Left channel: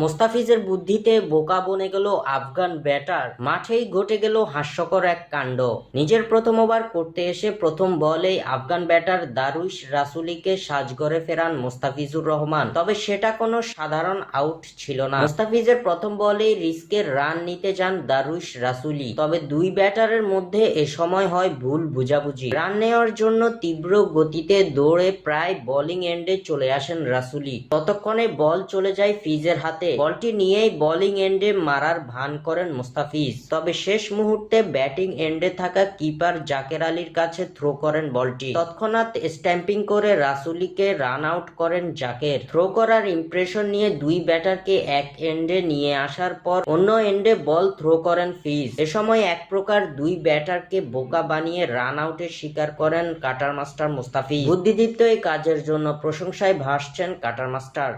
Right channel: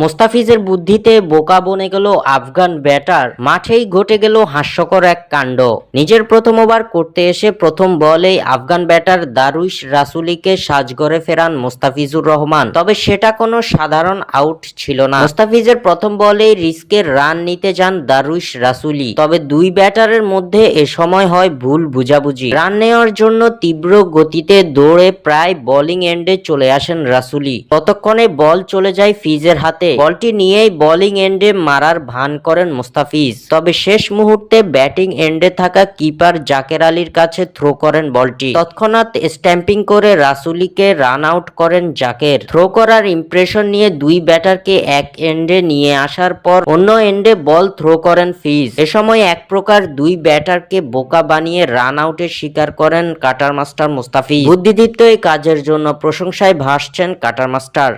মোস্তাফিজের বুদ্ধিতে বোকা বনে গেল আফগান ব্যাটার, মাঠেই ঘটে গেল হাস্যকর এক কাণ্ড। নিজের প্রথম ওভার করতে এসে প্রথম বলেই আফগান ব্যাটার দারুইশ রাসুলিকে সাজঘরে ফেরান মোস্তাফিজুর রহমান। তবে সেটা কোনো সাধারণ আউট ছিল না। মোস্তাফিজের প্রথম বলেই রিস্কের রান নিতে যান দারুইশ রাসুলি, তবে দুই ব্যাটারের মধ্যে এ সময় হয় ভুল বুঝাবুঝি। রান নেওয়ার জন্য তীব্র গতিতে দৌড়ে প্রায় বোলিং এন্ডে চলে আসেন রাসুলি। ততক্ষণে বল চলে যায় ফিজের হাতে। বলটি নিয়েই বোলিং এন্ডে মারার ভান করেন মোস্তাফিজ, তবে শেষ মুহূর্তে ব্যাটিং এন্ডে থাকা কিপার জাকের আলীর কাছে থ্রো করেন বলটি। তৎক্ষণাৎ স্ট্যাম্পিং করে রাসুলিকে রান আউট করেন জাকের। থ্রো করার ইমপ্রেশন নিয়ে দুই ব্যাটারকে এক এন্ডে নিয়ে আসার পর অন্য এন্ডে বল থ্রো করেন ফিজ। এ সময় এক প্রকার দুই ব্যাটারকে বোকা বানিয়ে রান আউটের শিকার করেন কাটার মাস্টার মোস্তাফিজ। বুদ্ধিদীপ্ত এই কাজের জন্য প্রশংসায় ভাসছেন কাটার মাস্টার।